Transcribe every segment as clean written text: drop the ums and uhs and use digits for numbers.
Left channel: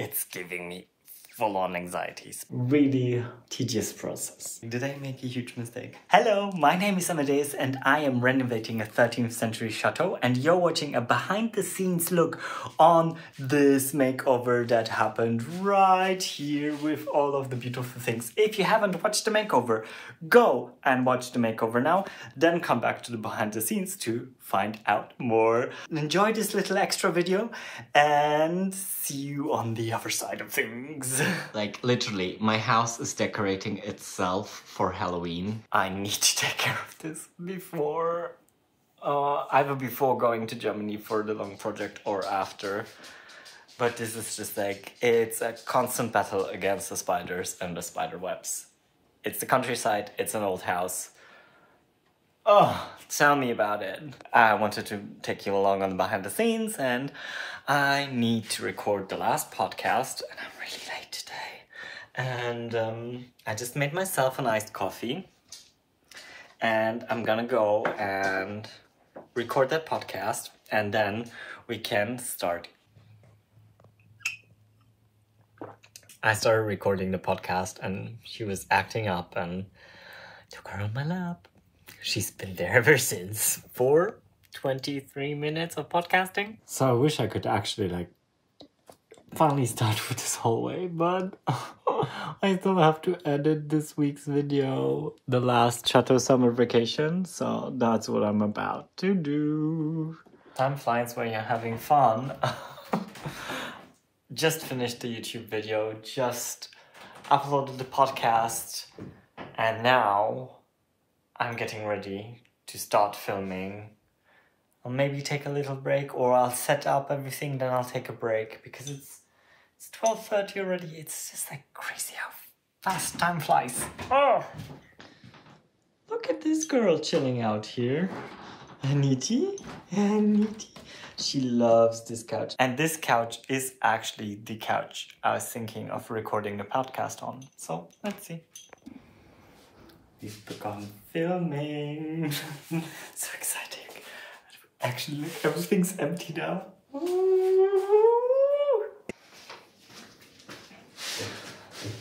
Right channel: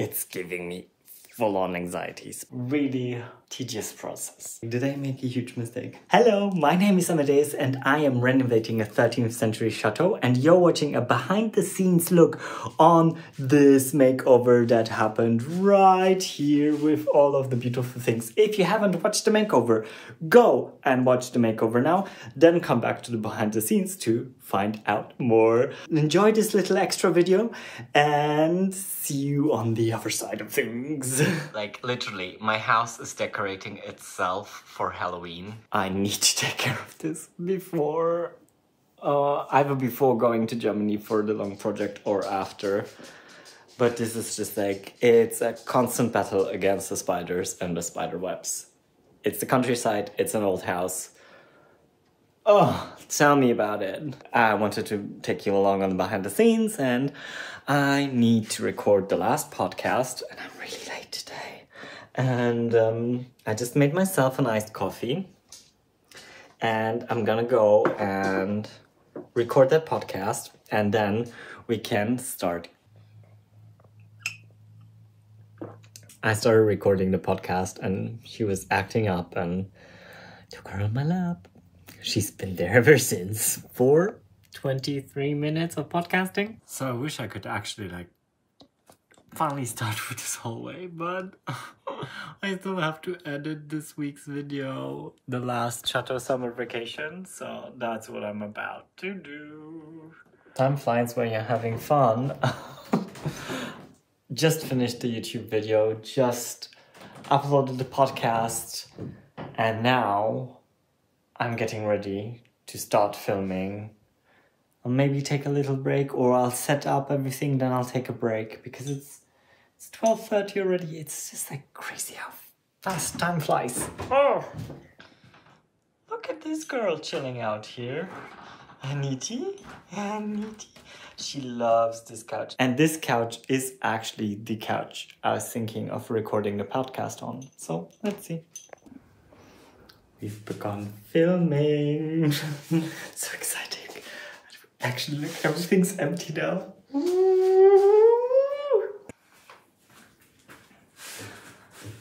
it's giving me full-on anxieties. Really tedious process. Did I make a huge mistake? Hello, my name is Amadeus and I am renovating a 13th century chateau, and you're watching a behind-the-scenes look on this makeover that happened right here with all of the beautiful things. If you haven't watched the makeover, go and watch the makeover now, then come back to the behind-the-scenes to find out more. Enjoy this little extra video and see you on the other side of things. Like literally, my house is decorating itself for Halloween. I need to take care of this before, either before going to Germany for the long project or after. But this is just like, it's a constant battle against the spiders and the spider webs. It's the countryside, it's an old house. Oh, tell me about it. I wanted to take you along on the behind the scenes, and I need to record the last podcast, and I'm really late today. And I just made myself an iced coffee, and I'm gonna go and record that podcast, and then we can start. I started recording the podcast, and she was acting up, and I took her on my lap. She's been there ever since for 23 minutes of podcasting. So I wish I could actually like finally start with this whole way, but I still have to edit this week's video, the last Chateau summer vacation. So that's what I'm about to do. Time flies when you're having fun. Just finished the YouTube video, just uploaded the podcast, and now I'm getting ready to start filming. I'll maybe take a little break, or I'll set up everything, then I'll take a break, because it's 12:30 already. It's just like crazy how fast time flies. Oh, look at this girl chilling out here. Aniti. She loves this couch. And this couch is actually the couch I was thinking of recording the podcast on. So let's see. We've begun filming. So exciting. Actually, look, everything's empty now.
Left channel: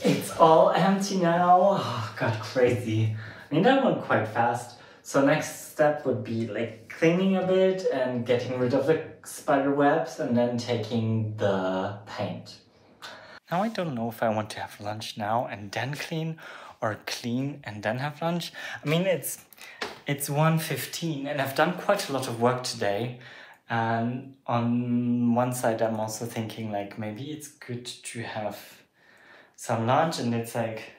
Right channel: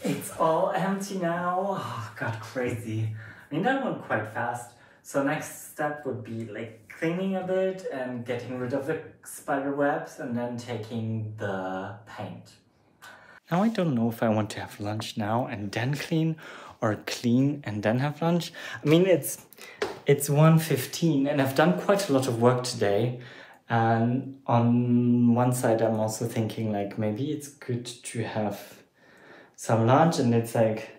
It's all empty now. Oh, God, crazy. I mean, that went quite fast. So next step would be like cleaning a bit and getting rid of the spider webs and then taking the paint. Now I don't know if I want to have lunch now and then clean, or clean and then have lunch. I mean, it's 1:15 and I've done quite a lot of work today. And on one side, I'm also thinking like, maybe it's good to have some lunch, and it's like,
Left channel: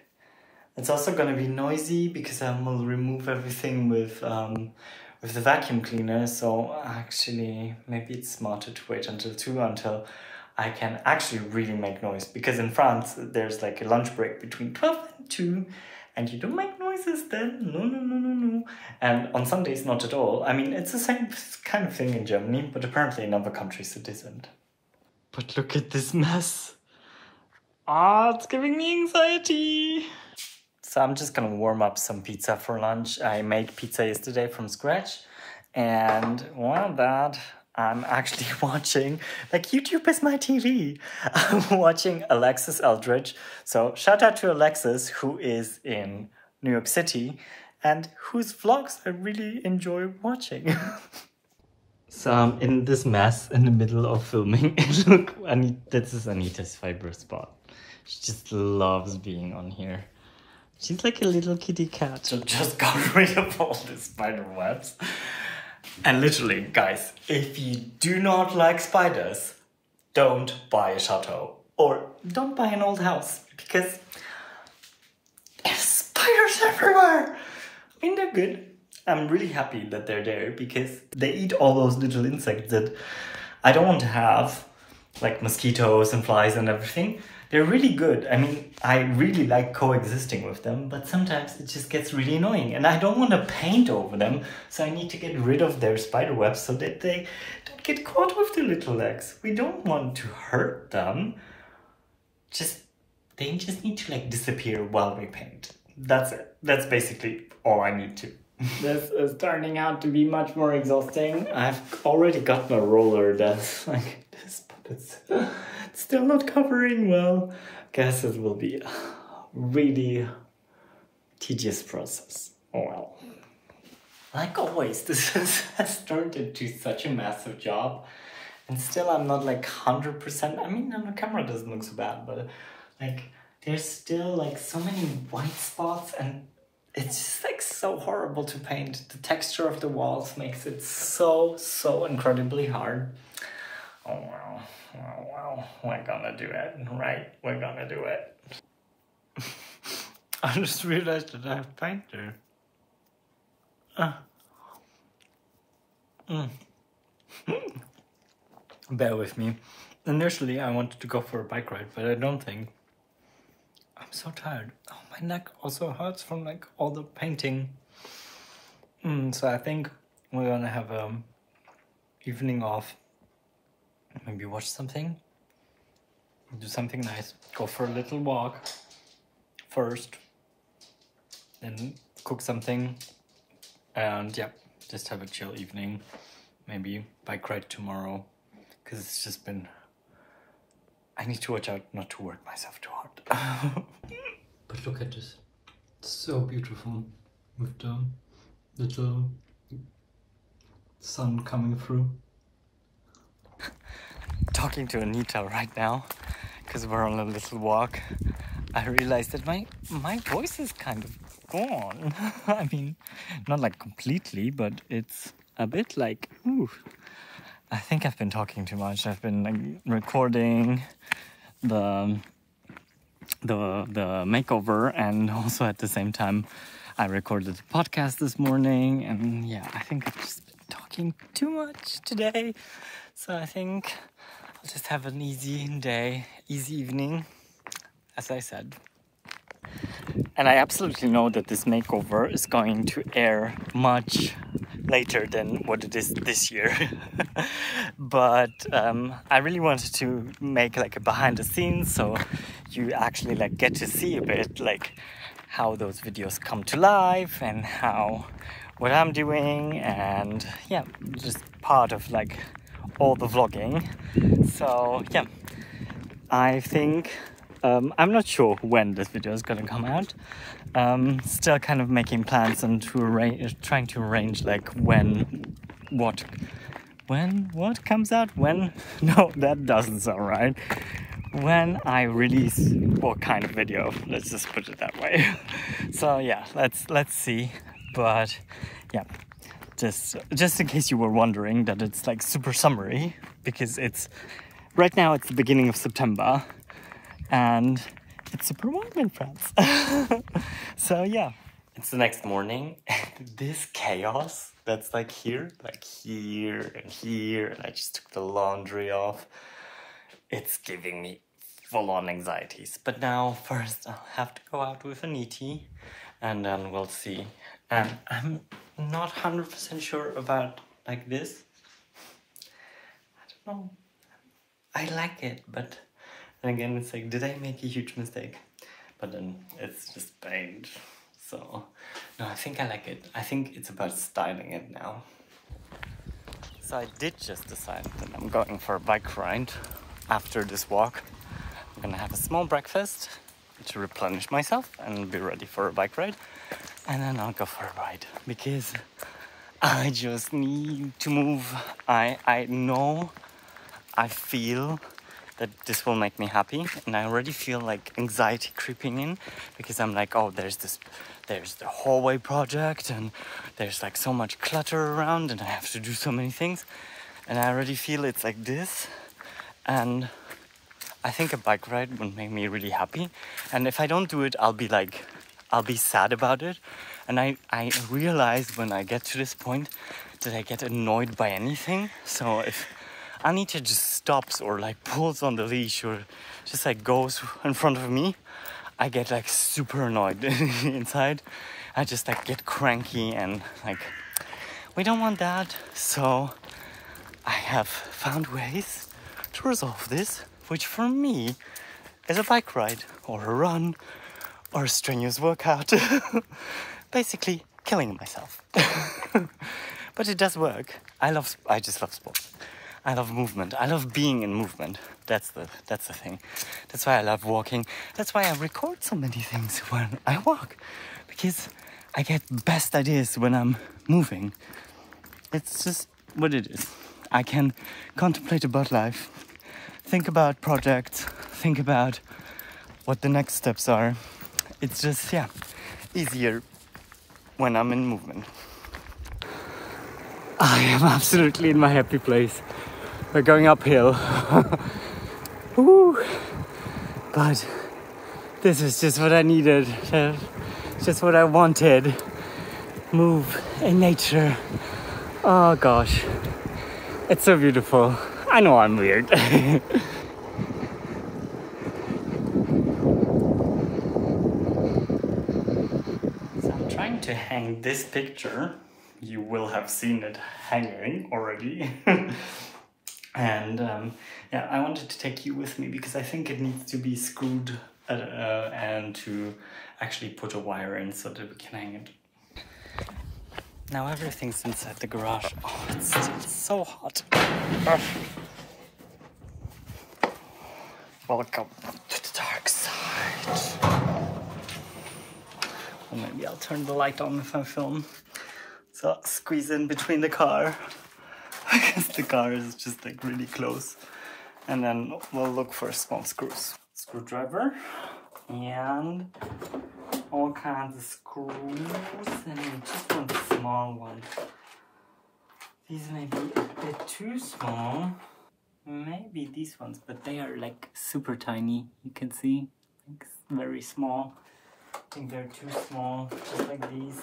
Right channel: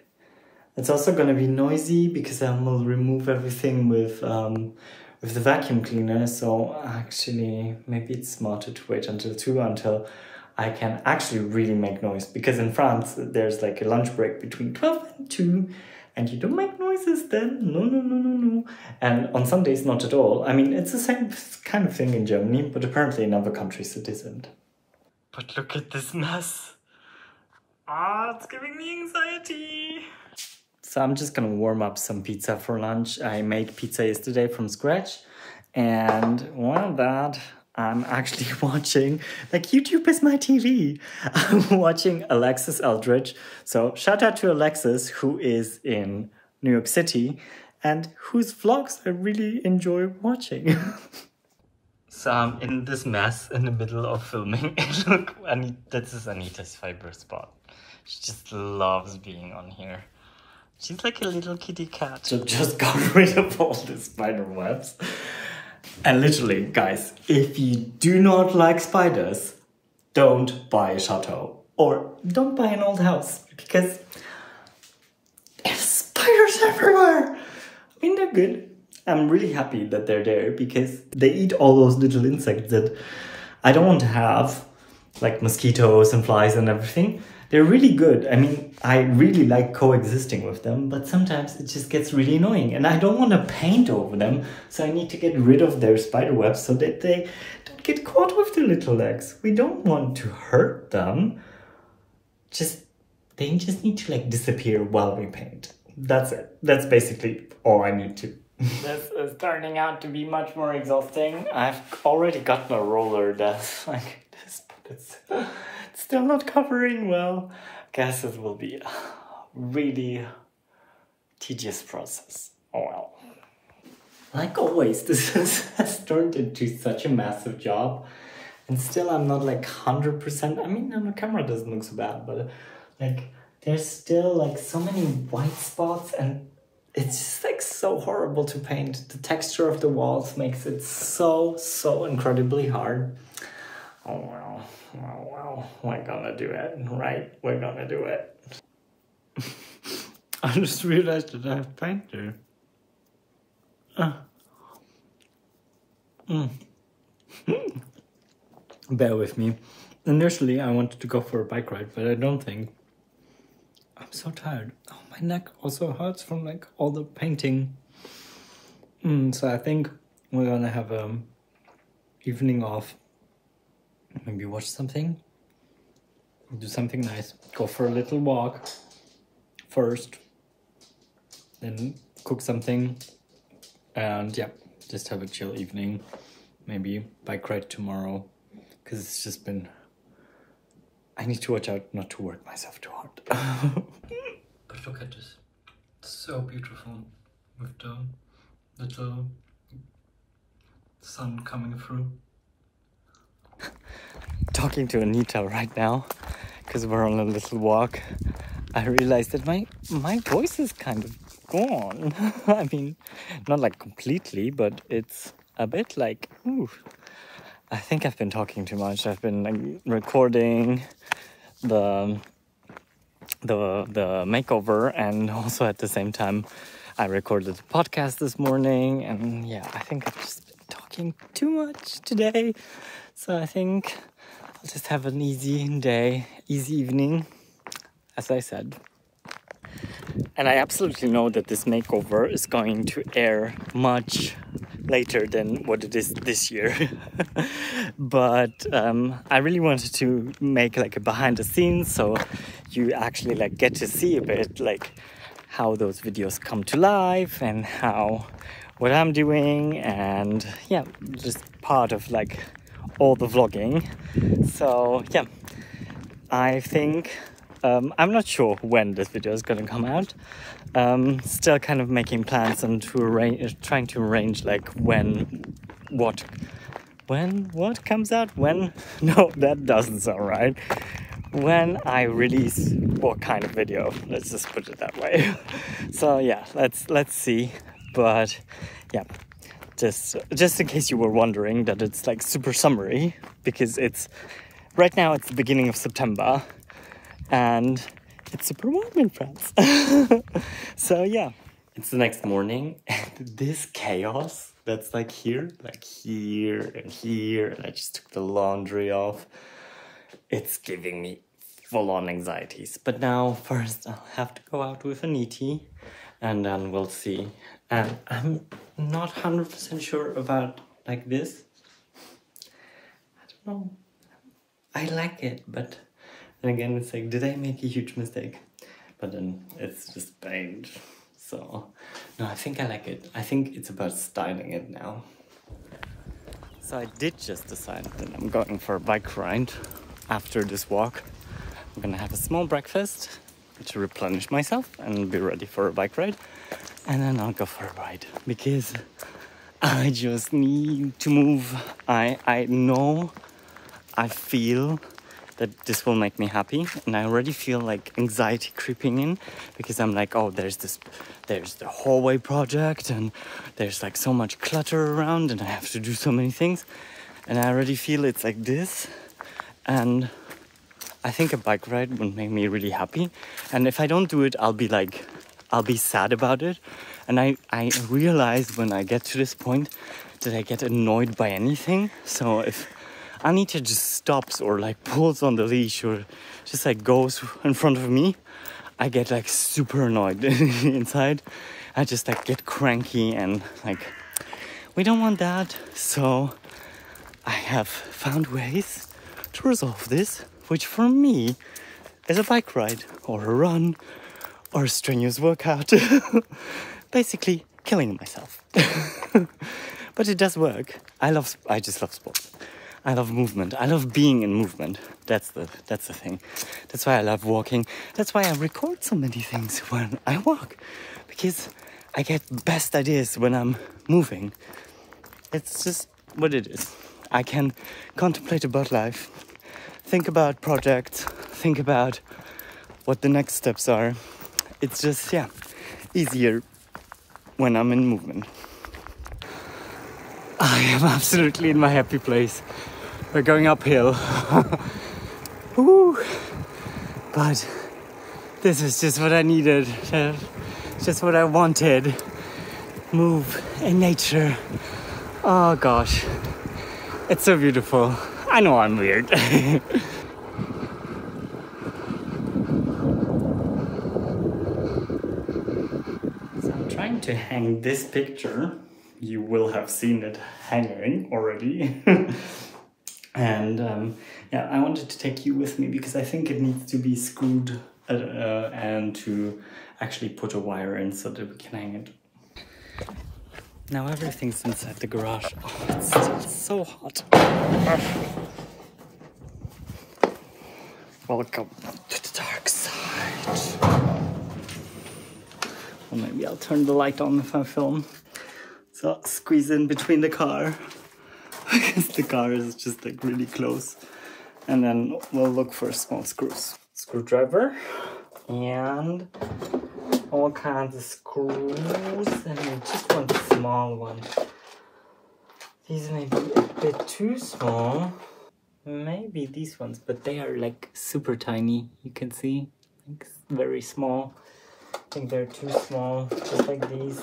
it's also gonna be noisy because I will remove everything with the vacuum cleaner. So actually, maybe it's smarter to wait until 2 until I can actually really make noise, because in France there's like a lunch break between 12 and 2 and you don't make noises then. No. And on Sundays, not at all. I mean, it's the same kind of thing in Germany, but apparently in other countries it isn't. But look at this mess. Ah, it's giving me anxiety. So I'm just gonna warm up some pizza for lunch. I made pizza yesterday from scratch, and while that, I'm actually watching, like, YouTube is my TV. I'm watching Alexis Eldridge. So shout out to Alexis, who is in New York City and whose vlogs I really enjoy watching. So I'm in this mess in the middle of filming. Look, this is Anita's favorite spot. She just loves being on here. She's like a little kitty cat. So just got rid of all the spider webs. And literally, guys, if you do not like spiders, don't buy a chateau. Or don't buy an old house, because there's spiders everywhere. I mean, they're good. I'm really happy that they're there, because they eat all those little insects that I don't want to have, like mosquitoes and flies and everything. They're really good. I mean, I really like coexisting with them, but sometimes it just gets really annoying and I don't want to paint over them. So I need to get rid of their spider webs so that they don't get caught with their little legs. We don't want to hurt them. They just need to like disappear while we paint. That's it. That's basically all I need to. This is turning out to be much more exhausting. I've already gotten a roller that's like this, but It's still not covering well. Guess it will be a really tedious process. Oh well. Like always, this has turned into such a massive job. And still I'm not like 100%. I mean, on the camera it doesn't look so bad, but like there's still like so many white spots and it's just like so horrible to paint. The texture of the walls makes it so incredibly hard. Oh well, oh well, we're gonna do it, right? We're gonna do it. I just realized that I have paint there. Bear with me. Initially, I wanted to go for a bike ride, but I don't think. I'm so tired. Oh, my neck also hurts from like all the painting. So I think we're gonna have a evening off. Maybe watch something. Do something nice. Go for a little walk first. Then cook something. And yeah, just have a chill evening. Maybe bike ride tomorrow. Because it's just been... I need to watch out not to work myself too hard. But look at this. It's so beautiful. With the little sun coming through. Talking to Anita right now. Because we're on a little walk. I realized that my voice is kind of gone. I mean, not like completely, but it's a bit like... Ooh. I think I've been talking too much. I've been like recording the makeover, and also at the same time I recorded the podcast this morning, and yeah, I think I've just been talking too much today. So I think I'll just have an easy day, easy evening, as I said. And I absolutely know that this makeover is going to air much later than what it is this year. But I really wanted to make like a behind the scenes, so you actually like get to see a bit like how those videos come to life and how what I'm doing, and yeah, just part of like all the vlogging. So yeah, I think I'm not sure when this video is gonna come out. Still kind of making plans and trying to arrange like what comes out when. No, that doesn't sound right. When I release what kind of video, let's just put it that way. So yeah, let's see. But yeah, just in case you were wondering that it's like super summery, because it's right now it's the beginning of September and it's super warm in France. So yeah, it's the next morning and this chaos that's like here and here, and I just took the laundry off. It's giving me full-on anxieties. But now first I'll have to go out with Aniti and then we'll see. And I'm not 100% sure about like this. I don't know. I like it, but then again it's like, did I make a huge mistake? But then it's just paint. So no, I think I like it. I think it's about styling it now. So I did just decide that I'm going for a bike ride after this walk. I'm gonna have a small breakfast to replenish myself and be ready for a bike ride. And then I'll go for a ride because I just need to move. I know, I feel that this will make me happy, and I already feel like anxiety creeping in because I'm like, oh, there's the hallway project and there's like so much clutter around and I have to do so many things, and I already feel it's like this. And I think a bike ride would make me really happy, and if I don't do it, I'll be sad about it. And I realize when I get to this point that I get annoyed by anything. So if Anita just stops or like pulls on the leash or just like goes in front of me, I get like super annoyed inside. I just like get cranky and like, we don't want that. So I have found ways to resolve this, which for me is a bike ride or a run or a strenuous workout. Basically killing myself. But it does work. I just love sports. I love movement. I love being in movement. That's the thing. That's why I love walking. That's why I record so many things when I walk. Because I get best ideas when I'm moving. It's just what it is. I can contemplate about life, think about projects, think about what the next steps are. It's just, yeah, easier when I'm in movement. I am absolutely in my happy place. We're going uphill. Woo. But this is just what I needed. Just what I wanted. Move in nature. Oh gosh. It's so beautiful. I know I'm weird. So I'm trying to hang this picture. You will have seen it hanging already. And yeah, I wanted to take you with me because I think it needs to be screwed and to actually put a wire in so that we can hang it. Now everything's inside the garage. Oh, it's still so hot. Welcome to the dark side. Or maybe I'll turn the light on if I film. So I'll squeeze in between the car. Because the car is just like really close. And then we'll look for small screws. Screwdriver. And all kinds of screws, and then just one small one. These may be a bit too small. Maybe these ones, but they are like super tiny. You can see, like very small. I think they're too small, just like these.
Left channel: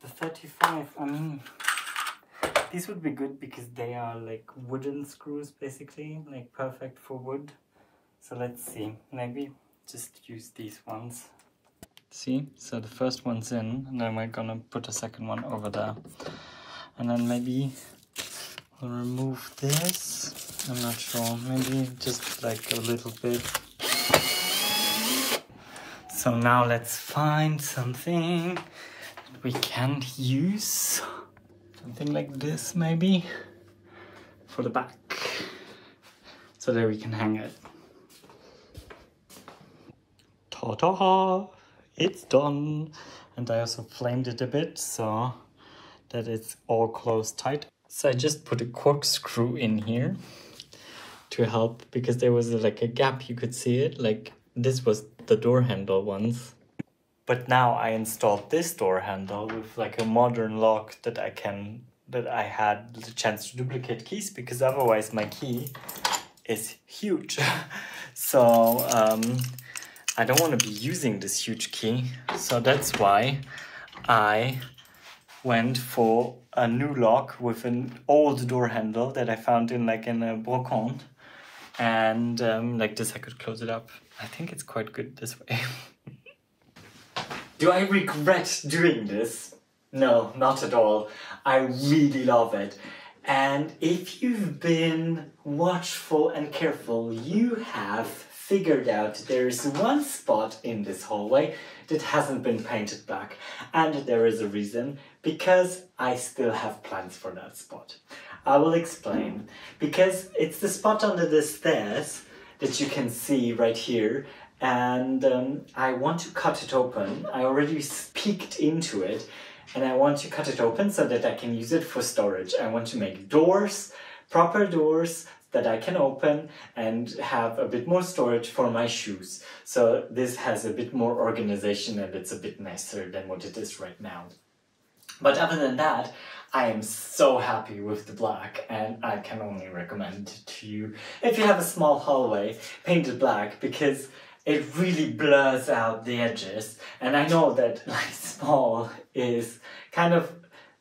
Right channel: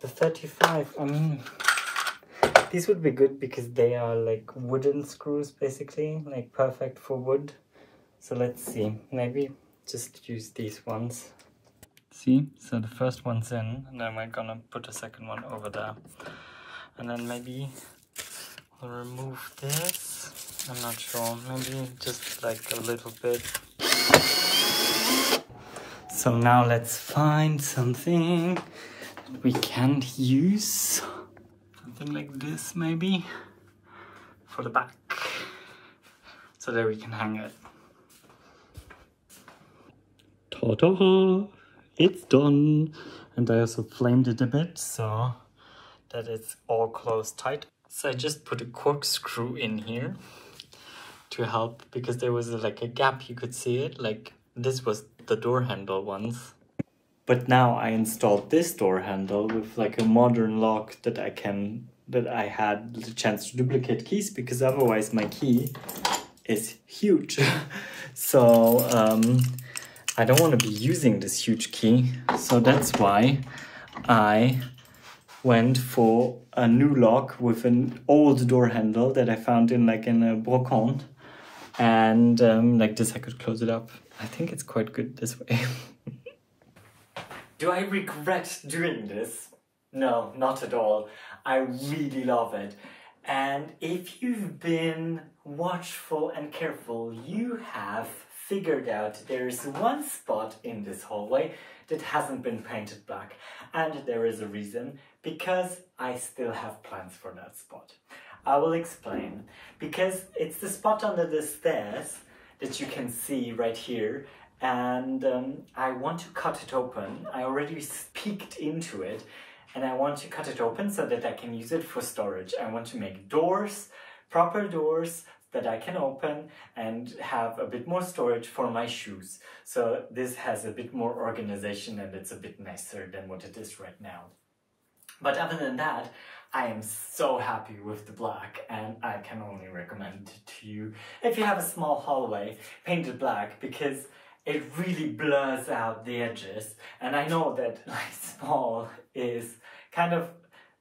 The 35, I mean, these would be good because they are like wooden screws basically, like perfect for wood. So let's see, maybe just use these ones. See, so the first one's in, and then we're gonna put a second one over there. And then maybe we'll remove this. I'm not sure, maybe just like a little bit. So now let's find something that we can use. Something like this maybe, for the back. So that we can hang it. Ta-da! It's done! And I also flamed it a bit so that it's all closed tight. So I just put a corkscrew in here to help, because there was like a gap, you could see it. Like this was the door handle once. But now I installed this door handle with like a modern lock that I had the chance to duplicate keys, because otherwise my key is huge. So I don't want to be using this huge key, so that's why I went for a new lock with an old door handle that I found in a brocante, and like this I could close it up. I think it's quite good this way. Do I regret doing this? No, not at all. I really love it. And if you've been watchful and careful, you have figured out there is one spot in this hallway that hasn't been painted black. And there is a reason, because I still have plans for that spot. I will explain. Because it's the spot under the stairs that you can see right here. And I want to cut it open. I already peeked into it. And I want to cut it open so that I can use it for storage. I want to make doors, proper doors, that I can open and have a bit more storage for my shoes. So this has a bit more organization and it's a bit nicer than what it is right now. But other than that, I am so happy with the black, and I can only recommend it to you. If you have a small hallway, paint it black, because it really blurs out the edges. And I know that like small is kind of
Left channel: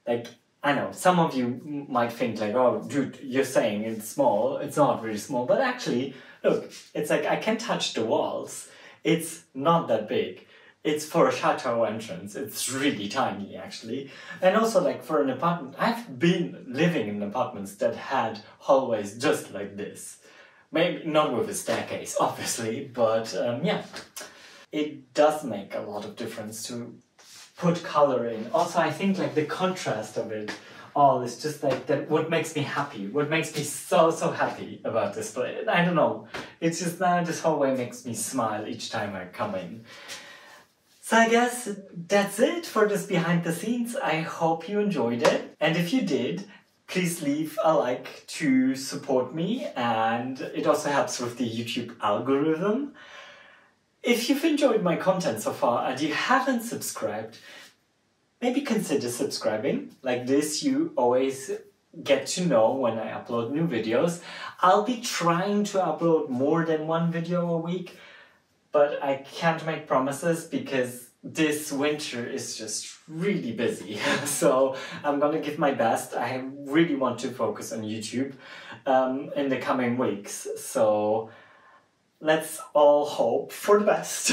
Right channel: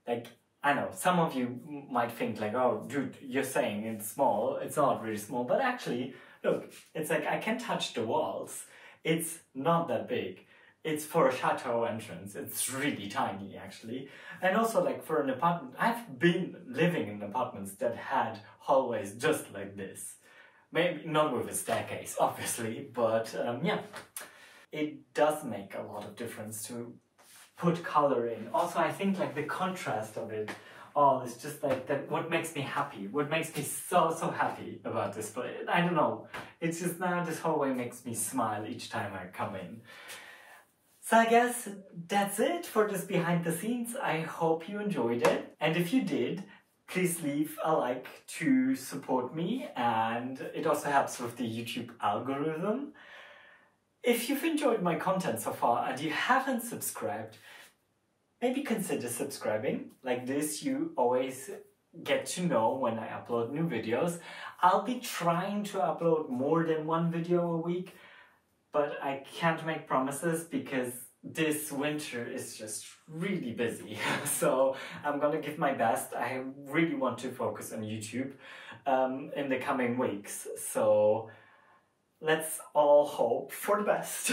like, I know, some of you might think like, oh, dude, you're saying it's small. It's not really small. But actually, look, it's like I can touch the walls. It's not that big. It's for a chateau entrance. It's really tiny, actually. And also, like, for an apartment, I've been living in apartments that had hallways just like this. Maybe not with a staircase, obviously, but yeah. It does make a lot of difference to put color in. Also, I think like the contrast of it all is just like that. What makes me happy, what makes me so happy about this place. I don't know. It's just that this hallway makes me smile each time I come in. So I guess that's it for this behind the scenes. I hope you enjoyed it. And if you did, please leave a like to support me, and it also helps with the YouTube algorithm. If you've enjoyed my content so far and you haven't subscribed, maybe consider subscribing. Like this, you always get to know when I upload new videos. I'll be trying to upload more than one video a week, but I can't make promises because this winter is just really busy. So I'm gonna give my best. I really want to focus on YouTube in the coming weeks. So let's all hope for the best.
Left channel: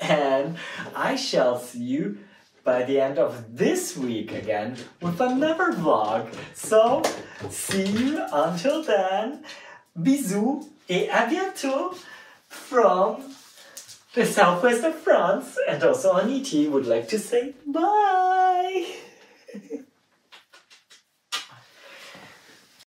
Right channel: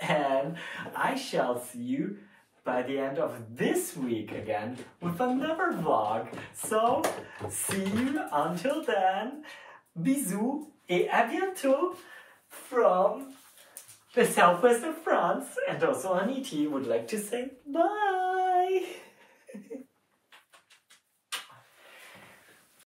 And I shall see you by the end of this week again with another vlog. So see you until then. Bisous et à bientôt from the southwest of France, and also Aniti would like to say bye!